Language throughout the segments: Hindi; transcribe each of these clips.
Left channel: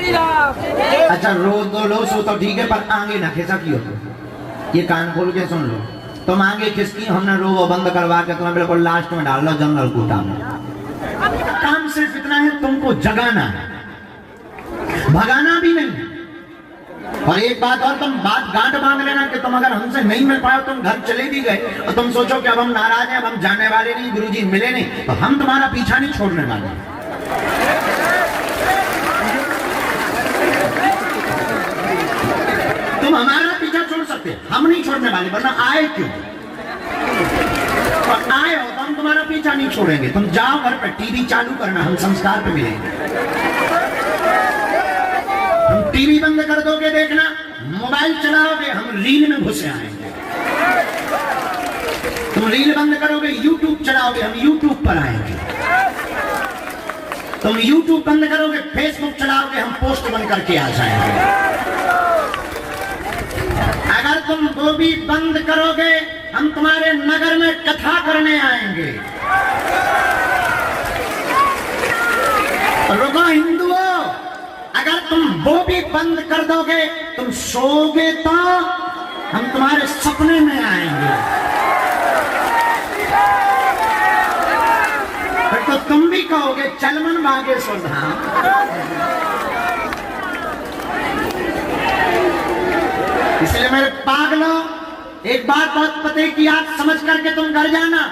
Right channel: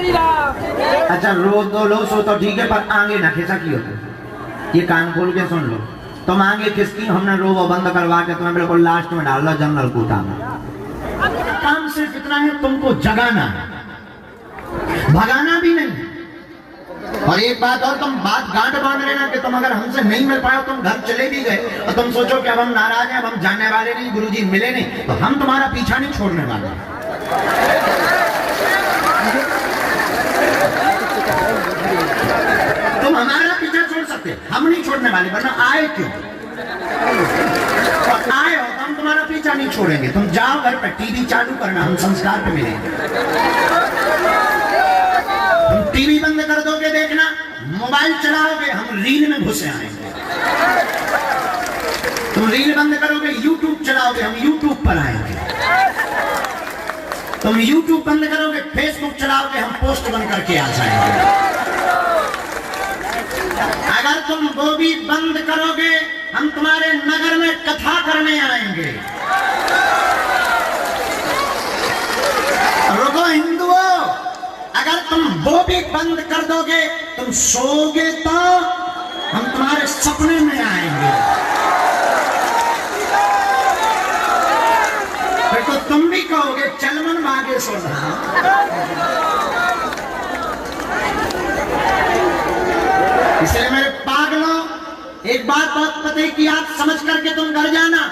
अच्छा रो दो लो सो तो ठीक है, पर आगे ना खिसा की होता, ये कान खोल के सुन लो। तुम आगे खिसकी, हमने रो बंद करवा के तुम्हें बिल्कुल लास्ट में डाल लो जनरल कोटा में। काम सिर्फ इतना है, तुमको जगाना है, भगाना भी नहीं। और एक बात और, तुम बात गांठ बांध लेना कि तुम अगर हमसे नहीं मिल पाए, तुम घर चले भी गए और तुम सोचो कि अब हम नाराज हैं, अब हम जाने वाले नहीं, गुरुजी मिले नहीं, तो हम तुम्हारा पीछा नहीं छोड़ने वाले। तुम हमारा पीछा छोड़ सकते, हम नहीं छोड़ने वाले, वरना आए क्यों? और आए हो तो हम तुम्हारा पीछा नहीं छोड़ेंगे। तुम जाओ घर पे, टीवी चालू करना, हम संस्कार पे मिलेंगे। तुम टीवी बंद कर दोगे देखना, मोबाइल चलाओगे, हम रील में घुसे आएंगे। तुम रील बंद करोगे, यूट्यूब चलाओगे, हम यूट्यूब पर आएंगे। तुम यूट्यूब बंद करोगे, फेसबुक चलाओगे, हम पोस्ट बन करके आ जाएंगे। अगर तुम वो भी बंद करोगे, हम तुम्हारे नगर में कथा करने आएंगे। रुको हिंदुओं, अगर तुम वो भी बंद कर दोगे, तुम सोओगे तो हम तुम्हारे सपने में आएंगे। फिर तो तुम भी कहोगे चल मन बागेश्वर धाम। इसलिए मेरे पागलों, एक बात बहुत पते की आप समझ करके तुम घर जाना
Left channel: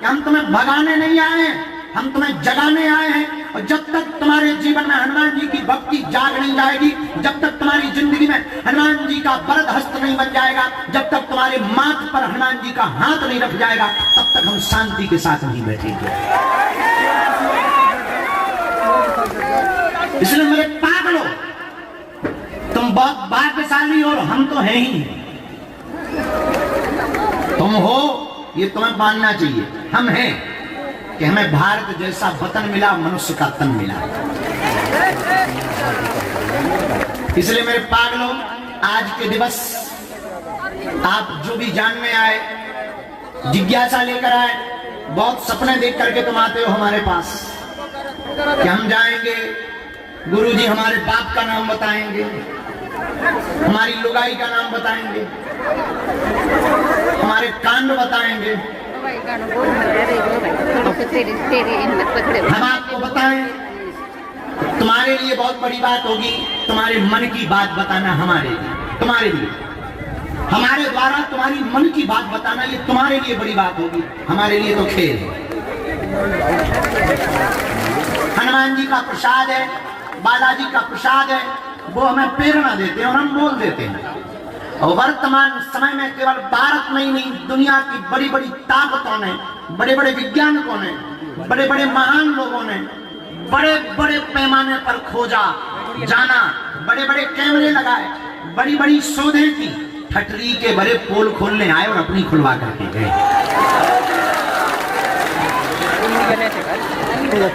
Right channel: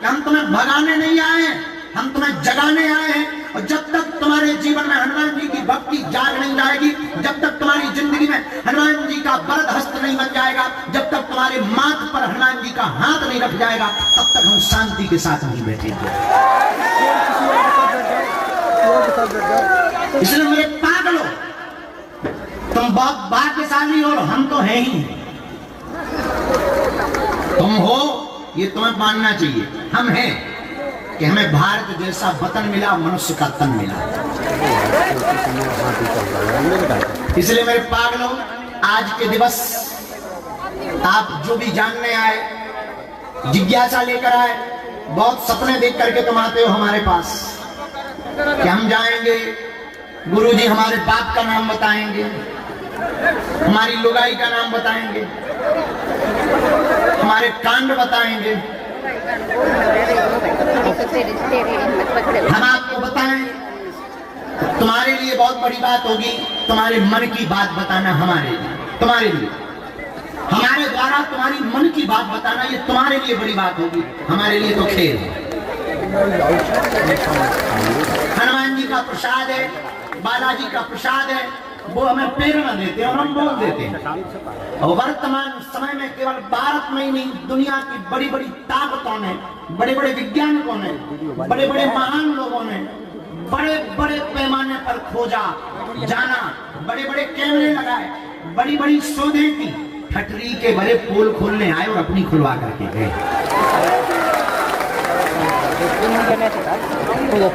कि हम तुम्हें भगाने नहीं आए, हम तुम्हें जगाने आए हैं। और जब तक तुम्हारे जीवन में हनुमान जी की भक्ति जाग नहीं जाएगी, जब तक तुम्हारी जिंदगी में हनुमान जी का वरद हस्त नहीं बन जाएगा, जब तक तुम्हारे माथ पर हनुमान जी का हाथ नहीं रख जाएगा, तब तक हम शांति के साथ नहीं बैठेंगे। इसलिए मेरे पागलों, तुम बहुत भाग्यशाली हो, हम तो हैं ही नहीं। तुम हो ये तुम्हें मानना चाहिए, हम हैं कि हमें भारत जैसा वतन मिला, मनुष्य का तन मिला। इसलिए मेरे पागलों, आज के दिवस आप जो भी जानने आए, जिज्ञासा लेकर आए, बहुत सपने देख करके तुम आते हो हमारे पास कि हम जाएंगे, गुरुजी हमारे बाप का नाम बताएंगे, हमारी लुगाई का नाम बताएंगे, हमारे कांड बताएंगे, हम आपको बताएं। तुम्हारे लिए बहुत बड़ी बात होगी, तुम्हारे मन की बात बताना हमारे लिए, तुम्हारे लिए, हमारे द्वारा तुम्हारी मन की बात बताना, ये तुम्हारे लिए बड़ी बात होगी, हमारे लिए तो खेल है। हनुमान जी का प्रसाद है, बालाजी का प्रसाद है, वो हमें प्रेरणा देते हैं और हम बोल देते हैं। और वर्तमान समय में केवल भारत में ही नहीं, दुनिया की बड़ी बड़ी ताकतों ने, बड़े बड़े वैज्ञानिकों ने, बड़े बड़े महान लोगों ने बड़े बड़े पैमाने पर खोजा जाना, बड़े बड़े कैमरे लगाए, बड़ी बड़ी शोधें की, ठटरी के बड़े पोल खोलने आए और अपनी खुलवा करके गए।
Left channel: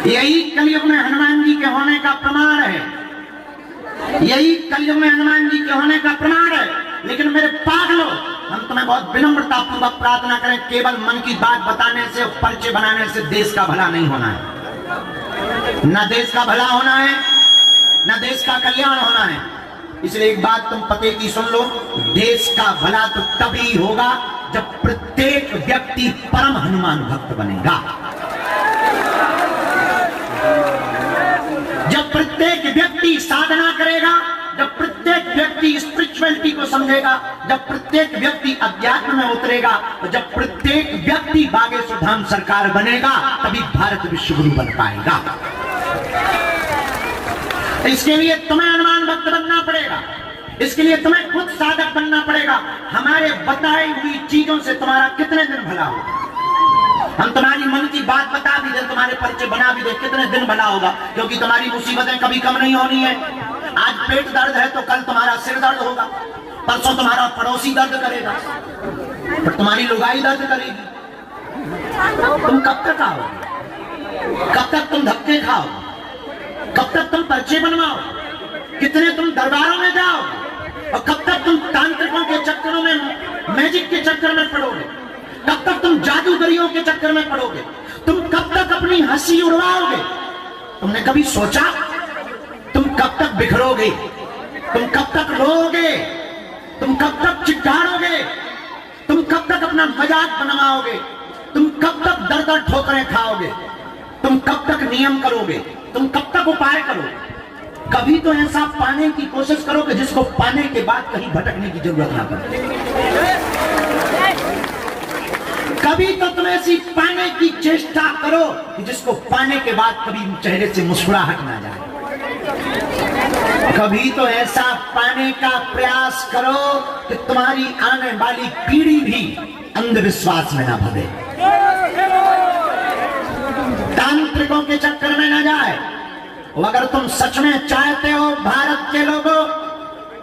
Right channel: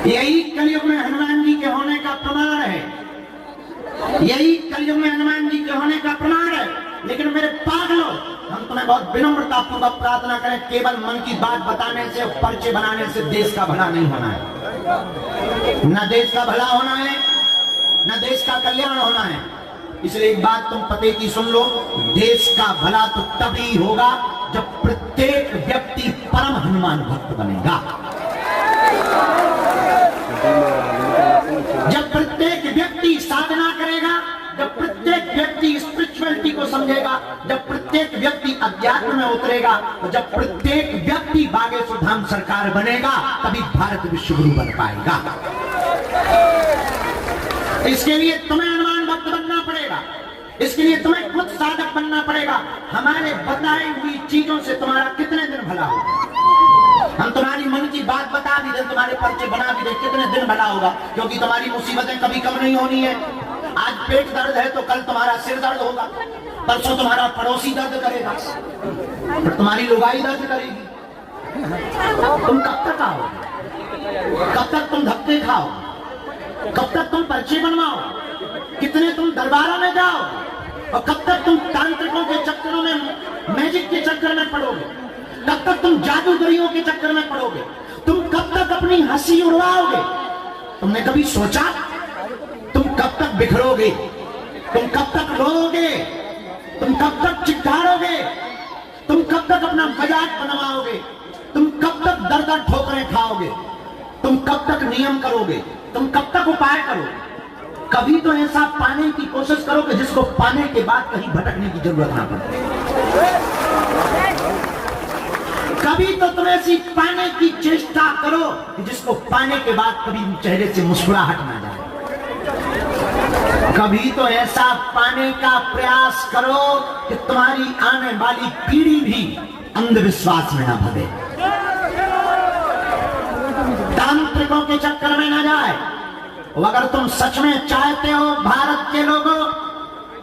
यही कलयुग में हनुमान जी के होने का प्रमाण है, यही कलयुग में हनुमान जी के होने का प्रमाण है। लेकिन मेरे पागलों, हम तुम्हें बहुत विनम्रता पूर्वक प्रार्थना करें, केवल मन की बात बताने से, पर्चे बनाने से देश का भला नहीं होना है। न देश का भला होना है, न देश का कल्याण होना है। इसलिए एक बात तुम पते की सुन लो, देश का भला तो तभी होगा जब प्रत्येक व्यक्ति परम हनुमान भक्त बनेगा, जब प्रत्येक व्यक्ति साधना करेगा, जब प्रत्येक व्यक्ति स्पिरिचुअलिटी को समझेगा, जब प्रत्येक व्यक्ति अध्यात्म में उतरेगा, तो जब प्रत्येक व्यक्ति बागेश्वर धाम सरकार बनेगा, तभी भारत विश्व गुरु बन पाएगा। इसके लिए तुम्हें हनुमान भक्त बनना पड़ेगा, इसके लिए तुम्हें खुद साधक बनना पड़ेगा। हमारे बताई हुई चीजों से तुम्हारा कितने दिन भला होगा? हम तुम्हारी मन की बात बता भी दे, तुम्हारे परिचय बना भी दे, कितने दिन भला होगा? क्योंकि तुम्हारी मुसीबतें कभी कम नहीं होनी है। आज पेट दर्द है तो कल तुम्हारा सिर दर्द होगा, परसों तुम्हारा पड़ोसी दर्द करेगा, फिर तुम्हारी लुगाई दर्द करेगी। तुम कब तक आओगे? कब तक तुम धक्के खाओ? कब तक तुम पर्चे बनवाओ? कितने तुम दरबारों में जाओ? और कब तक तुम तांत्रिकों के चक्करों में, मैजिक के चक्कर में पड़ोगे? कब तक तुम जादूगरियों के चक्कर में पड़ोगे? तुम कब तक अपनी हंसी उड़ाओगे? तुमने कभी सोचा तुम कब तक बिखरोगे? रोगे? तुम कब तक रोगे? तुम कब तक चिल्लाओगे? तुम कब तक अपना मजाक बनवाओगे? तुम कब तक दर दर ठोकरें खाओगे? तुम कब तक नियम करोगे? तुम कब तक उपाय करोगे? कभी तो ऐसा पाने की कोशिश करो कि जिसको पाने के बाद कहीं भटकने की जरूरत ना पड़े। कभी तो तुम ऐसी पाने की चेष्टा करो कि जिसको पाने के बाद कभी चेहरे से मुस्कुराहट ना जाए। कभी तो ऐसा पाने का प्रयास करो कि तुम्हारी आने वाली पीढ़ी भी अंधविश्वास में ना भगे, तांत्रिकों के चक्कर में ना जाए। अगर तुम सच में चाहते हो भारत के लोगों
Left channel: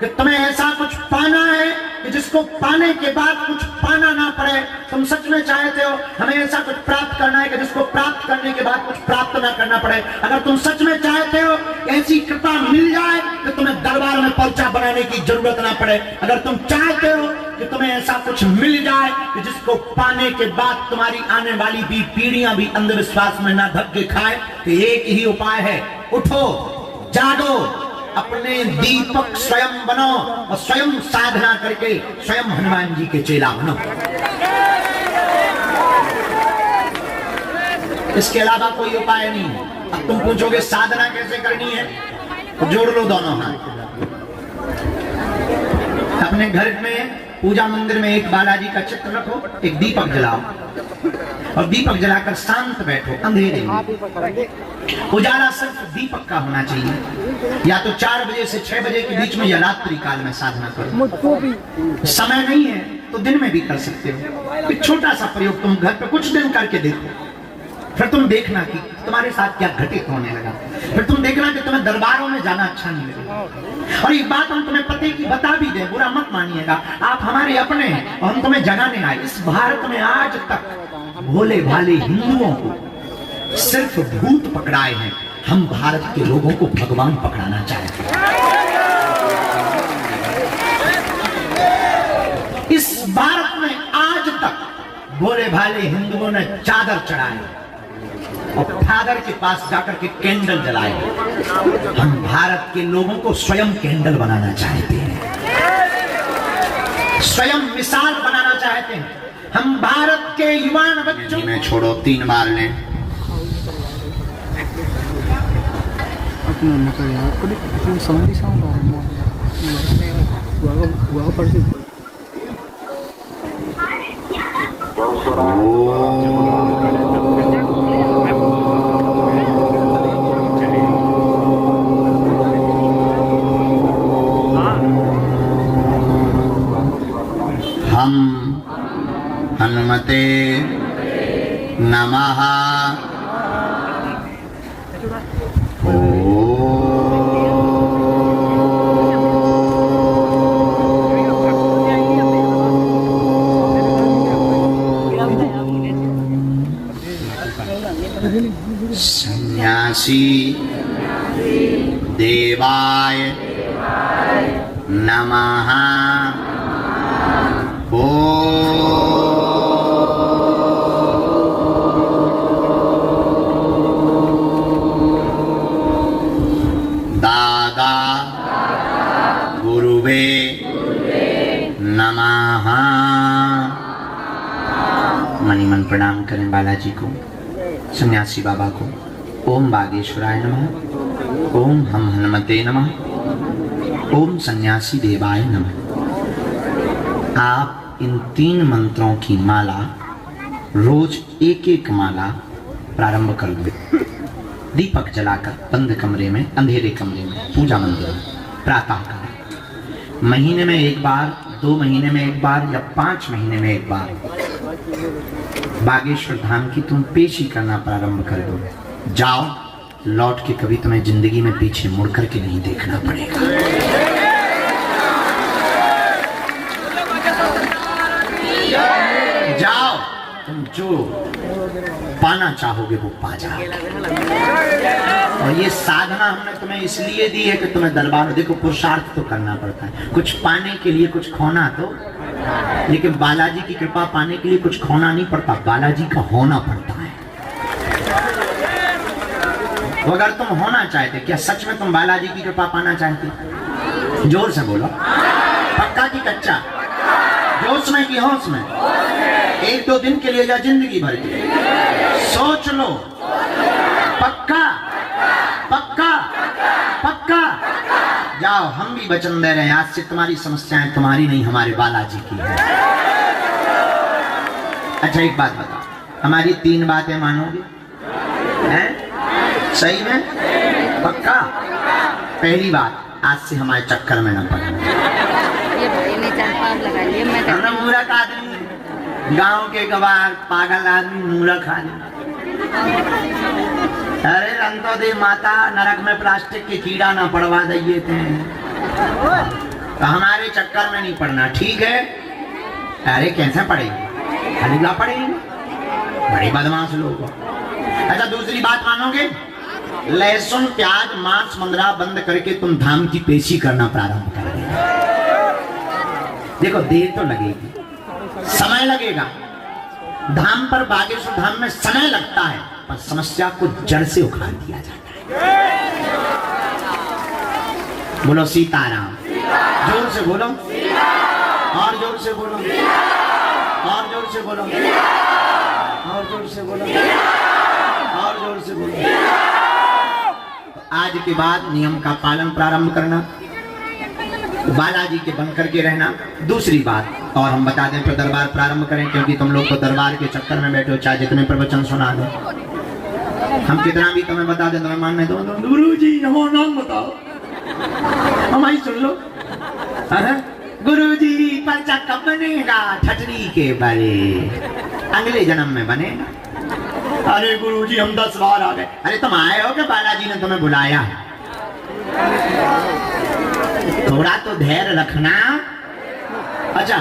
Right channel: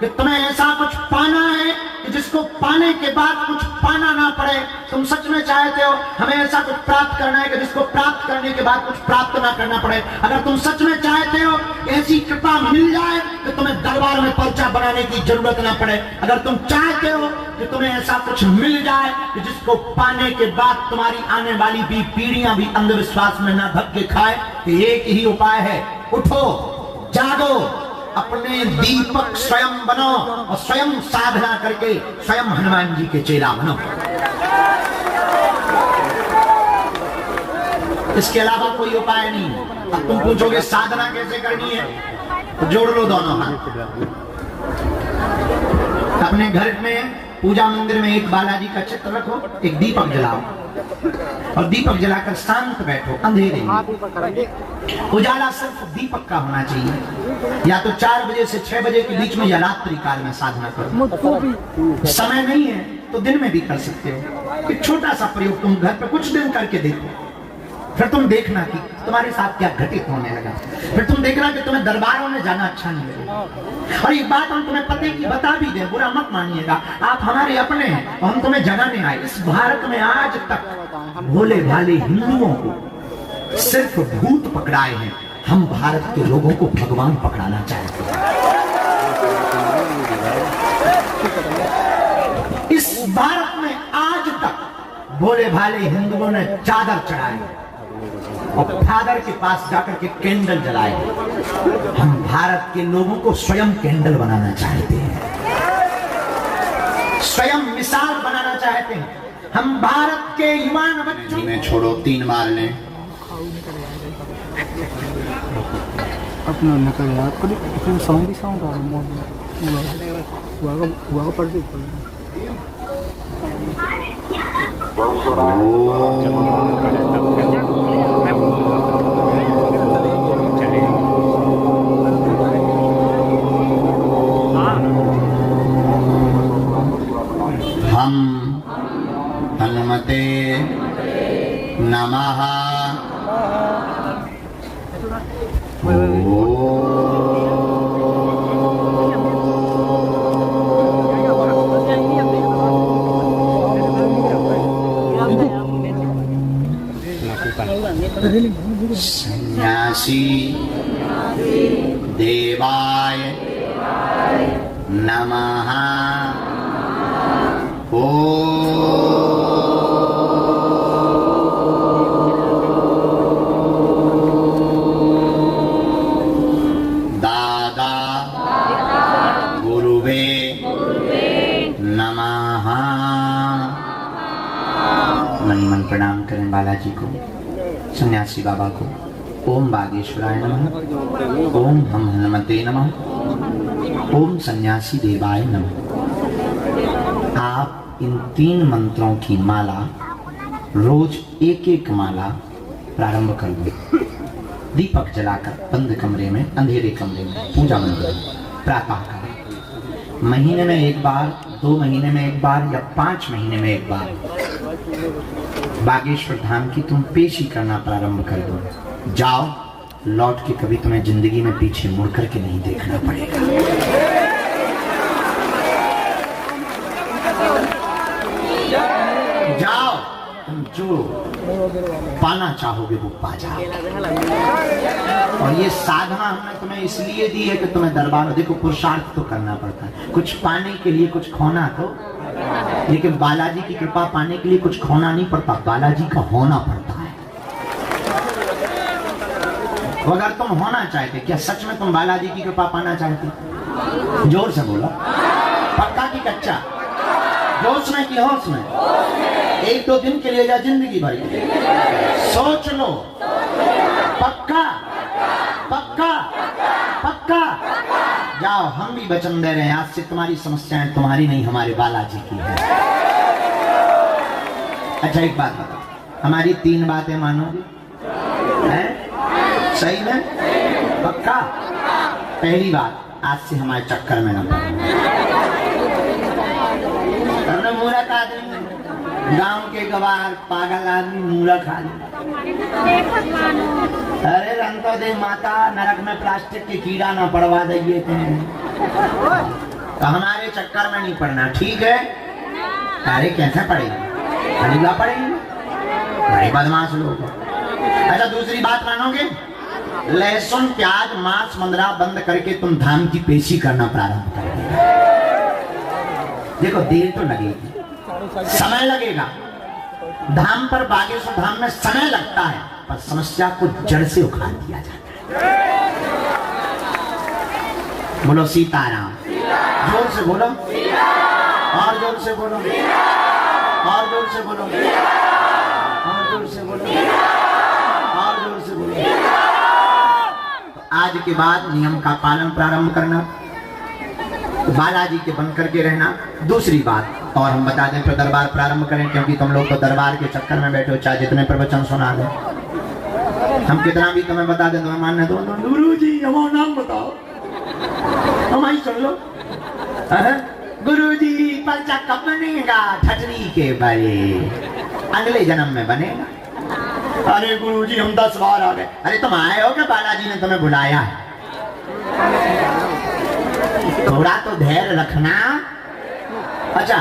कि तुम्हें ऐसा कुछ पाना है कि जिसको पाने के बाद कुछ पाना ना पड़े, तुम सच में चाहते हो हमें ऐसा कुछ प्राप्त करना है कि जिसको प्राप्त करने के बाद कुछ प्राप्त ना करना पड़े, अगर तुम सच में चाहते हो ऐसी कृपा मिल जाए कि तुम्हें दरबार में पर्चा बनाने की जरूरत ना पड़े, अगर तुम चाहते हो कि तुम्हें ऐसा कुछ मिल जाए कि जिसको पाने के बाद तुम्हारी आने वाली भी पीढ़ियां भी अंधविश्वास में ना धक्के खाए, तो एक ही उपाय है, उठो, जागो, अपने दीपक स्वयं बनो और स्वयं साधना करके स्वयं हनुमान जी के चेला बनो। इसके अलावा कोई उपाय नहीं। अब तुम पूछोगे साधना कैसे करनी है, तो जोड़ लो दोनों हाथ। अपने घर में पूजा मंदिर में एक बालाजी का चित्र रखो, एक दीपक जलाओ और दीपक जलाकर शांत बैठो अंधेरे में। उजाला सिर्फ दीपक का होना चाहिए। या तो 4 बजे से 6 बजे के बीच में या रात्रि काल में साधना करो। समय नहीं है तो दिन में भी कर सकते हो। एक छोटा सा प्रयोग तुम घर पे कुछ दिन करके देखो, फिर तुम देखना कि तुम्हारे साथ क्या घटित होने लगा। फिर तुम देखना कि तुम्हें दरबारों में जाना अच्छा नहीं लगेगा। और एक बात हम तुम्हें पते की बता भी दें, बुरा मत मानिएगा, आप हमारे अपने हैं और हम तुम्हें जगाने आए। इस भारत में आज तक भोले भाले हिंदुओं को सिर्फ भूत पकड़ाए हैं, हम भारत के लोगों को भगवान पकड़ाना चाहते हैं। इस भारत में आज तक भोले भाले हिंदुओं ने चादर चढ़ाए और फादर के पास जाकर के कैंडल जलाए। हम भारत के लोगों को स्वयं कैंडल बनाना चाहते हैं, स्वयं मिसाल बनाना चाहते हैं। हम भारत के युवान बच्चों में छोड़ो 3 बार लें अपना नकर यार कभी किसी साउंड ही साउंड आ रहा है हुआ पड़ से हम हनुमते नमः। सन्यासी देवाय नमः। दादा गुरुवे नमः। मन मन प्रणाम करें बालाजी को, सन्यासी बाबा को। ओम बागेश्वराय नमः, ओम हम हनुमते नमः, ओम सन्यासी देवाय नमः। आप इन 3 मंत्रों की माला रोज एक माला प्रारंभ कर दो। दीपक जलाकर बंद कमरे में, अंधेरे कमरे में, पूजा मंदिर में प्रातः काल। महीने में 1 बार, 2 महीने में 1 बार या 5 महीने में 1 बार बागेश्वर धाम की तुम पेशी करना प्रारंभ कर दो। जाओ, लौट के कभी तुम्हें जिंदगी में पीछे मुड़ करके नहीं देखना पड़ेगा। जाओ, तुम जो पाना चाहोगे वो पा जाओगे। और ये साधना हमने तुम्हें इसलिए दी है कि तुम्हें दरबार, देखो पुरुषार्थ तो करना पड़ता है, कुछ पाने के लिए कुछ खोना तो, लेकिन बालाजी की कृपा पाने के लिए कुछ खोना नहीं पड़ता, बालाजी का होना पड़ता है। वो अगर तुम होना चाहते, क्या सच में तुम बालाजी की कृपा पाना चाहते? जोर से बोलो, पक्का की कच्चा? जोश में की होश में? एक दो दिन के लिए या जिंदगी भर के लिए? सोच लो। पक्का पक्का पक्का? जाओ, हम भी वचन दे रहे हैं, आज से तुम्हारी समस्याएं तुम्हारी नहीं, हमारे बालाजी की है। अच्छा एक बात बताओ, हमारी 3 बातें मानोगे? हैं? सही में? पक्का? पहली बात, आज से हमारे चक्कर में ना पड़ना। हमने मूर्ख आदमी, गांव के गवार पागल आदमी मूर्ख आदमी। अरे रंग तो दे माता, नरक में प्लास्टिक के कीड़ा ना पड़वा दिए थे, तो हमारे चक्कर में नहीं पड़ना, ठीक है? अरे कैसे पड़ेगी? हलवा पड़ेगी, बड़े बदमाश लोग। अच्छा दूसरी बात मानोगे? लहसुन प्याज मांस मुंदरा बंद करके तुम धाम की पेशी करना प्रारंभ कर देना। देखो देर तो लगेगी, समय लगेगा, धाम पर बागेश्वर धाम में समय लगता है, पर समस्या को जड़ से उखाड़ दिया जाता है। बोलो सीताराम, जोर से बोलो, और जोर से बोलो, और जोर से बोलो, और जोर से बोलो, और जोर से बोलो। तो आज के बाद नियम का पालन प्रारंभ करना, बालाजी के बन करके रहना। दूसरी बात और हम बता दें फिर दरबार प्रारंभ करें, क्योंकि तुम लोग तो दरबार के चक्कर में बैठे हो, चाहे जितने प्रवचन सुना दो, हम कितना भी तुम्हें बता दें तुम्हें मानने दो। गुरु जी नमो नाम बताओ, हमारी सुन लो। गुरु जी पर्चा कब बनेगा? ठटरी के बड़े, अगले जन्म में बनेगा। अरे गुरु जी हम 10 बार आ गए। अरे तुम आए हो कि बालाजी ने तुम्हें बुलाया है? थोड़ा तो धैर्य रखना। अच्छा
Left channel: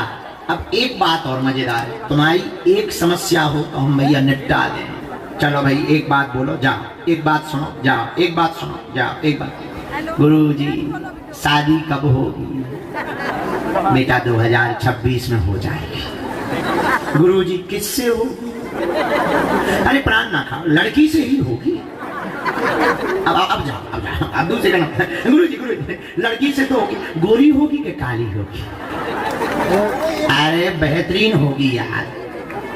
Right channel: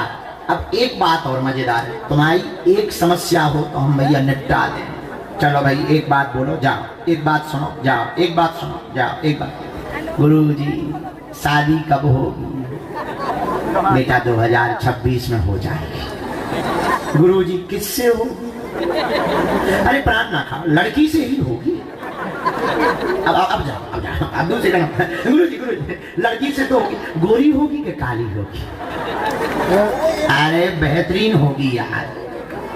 अब एक बात और मजेदार है, तुम्हारी एक समस्या हो तो हम भैया निपटा दें। चलो भाई एक बात बोलो, जाओ, एक बात सुनो, जाओ, एक बात सुनो, जाओ, एक बात। गुरु जी शादी कब होगी? बेटा 2026 में हो जाएगी। गुरु जी किससे होगी? अरे प्राण ना खाओ, लड़की से ही होगी। अब जाओ, अब दूसरे का। गुरु जी लड़की से तो होगी, गोरी होगी कि काली होगी? अरे बेहतरीन होगी यार,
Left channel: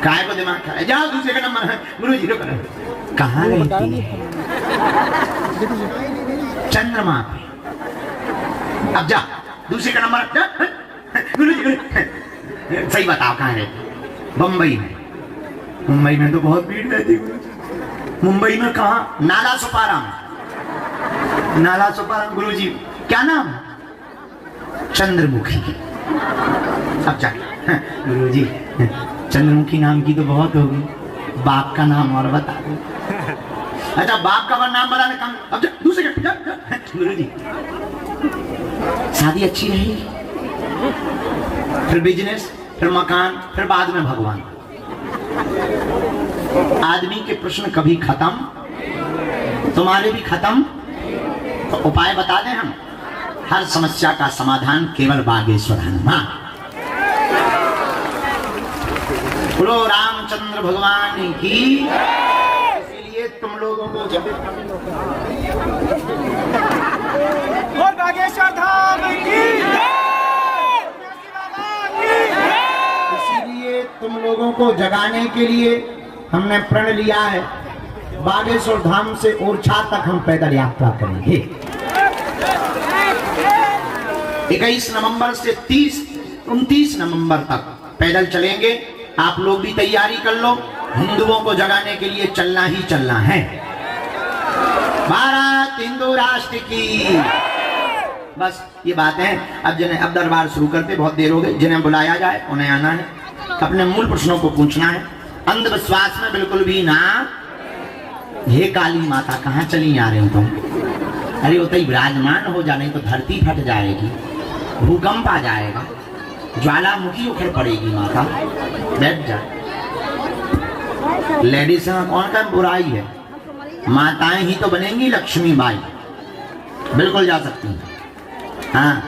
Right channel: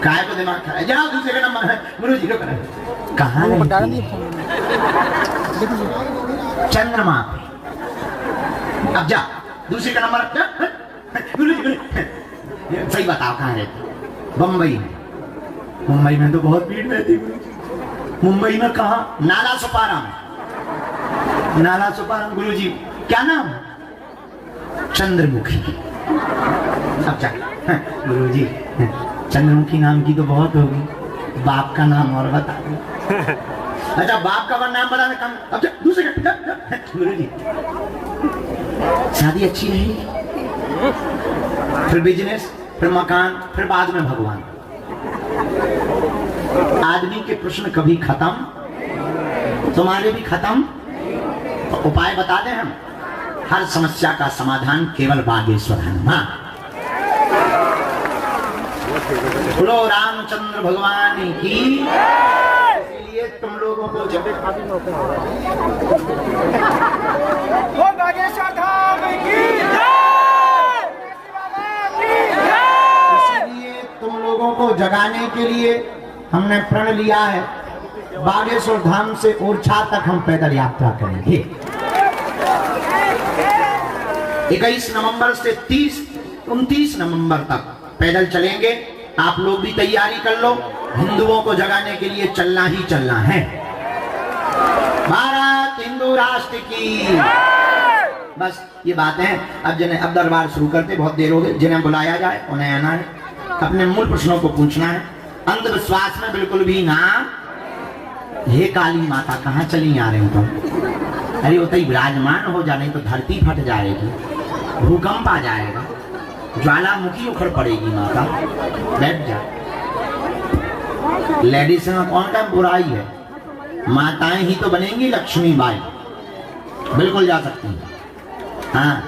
काय को दिमाग खा? जाओ दूसरे का नंबर है। गुरु जी कहाँ रहती है? चंद्रमा पे। अब जा दूसरे का नंबर। गुरु जी सही बताओ कहाँ रहती? बम्बई में। मुंबई में तो बहुत भीड़ रहती। मुंबई में कहा? नाला सुपारा में। नाला सुपारा। गुरु जी क्या नाम? चंद्रमुखी। अब जा। गुरु जी चंद्रमुखी नाम की तो बहुत होगी, बाप का नाम और बता दो। अच्छा बाप का नाम बताना कम। अब जा दूसरे का। गुरु जी शादी अच्छी रहेगी, फिर बिजनेस, फिर मकान, फिर बाद में भगवान। आदमी के प्रश्न कभी खत्म, तुम्हारे भी खत्म। तो उपाय बता दें हम, हर समस्या का समाधान केवल बागेश्वर हनुमान। बोलो रामचंद्र भगवान की। इसलिए तुम लोगों को बागेश्वर धाम की, इसलिए तुम लोगों को जगाने के लिए हमने प्रण लिया है, बागेश्वर धाम से ओरछा तक हम पैदल यात्रा करेंगे। 21 नवंबर से 29 नवंबर तक पैदल चलेंगे। आप लोग भी तैयारी कर लो, हिंदुओं को जगाने के लिए चलना ही चलना है। भारत हिंदू राष्ट्र की। बस ये बात है। अब दरबार शुरू करते, बहुत देर हो गई। जिन्हें बुलाया जाए उन्हें आना है, अपने मूल प्रश्नों को पूछना है, अंधविश्वास में बिल्कुल भी ना। हे काली माता कहाँ चली आ रही तुम? अरे वो तो विराजमान हो जा, नहीं तो धरती फट जाएगी, भूकंप आ जाएगा, ज्वालामुखी उखड़ पड़ेगी। माता बैठ जा। लेडीज में कौन का बुराई है? माताएं ही तो बनेंगी लक्ष्मी बाई, बिल्कुल जा सकती हैं। हाँ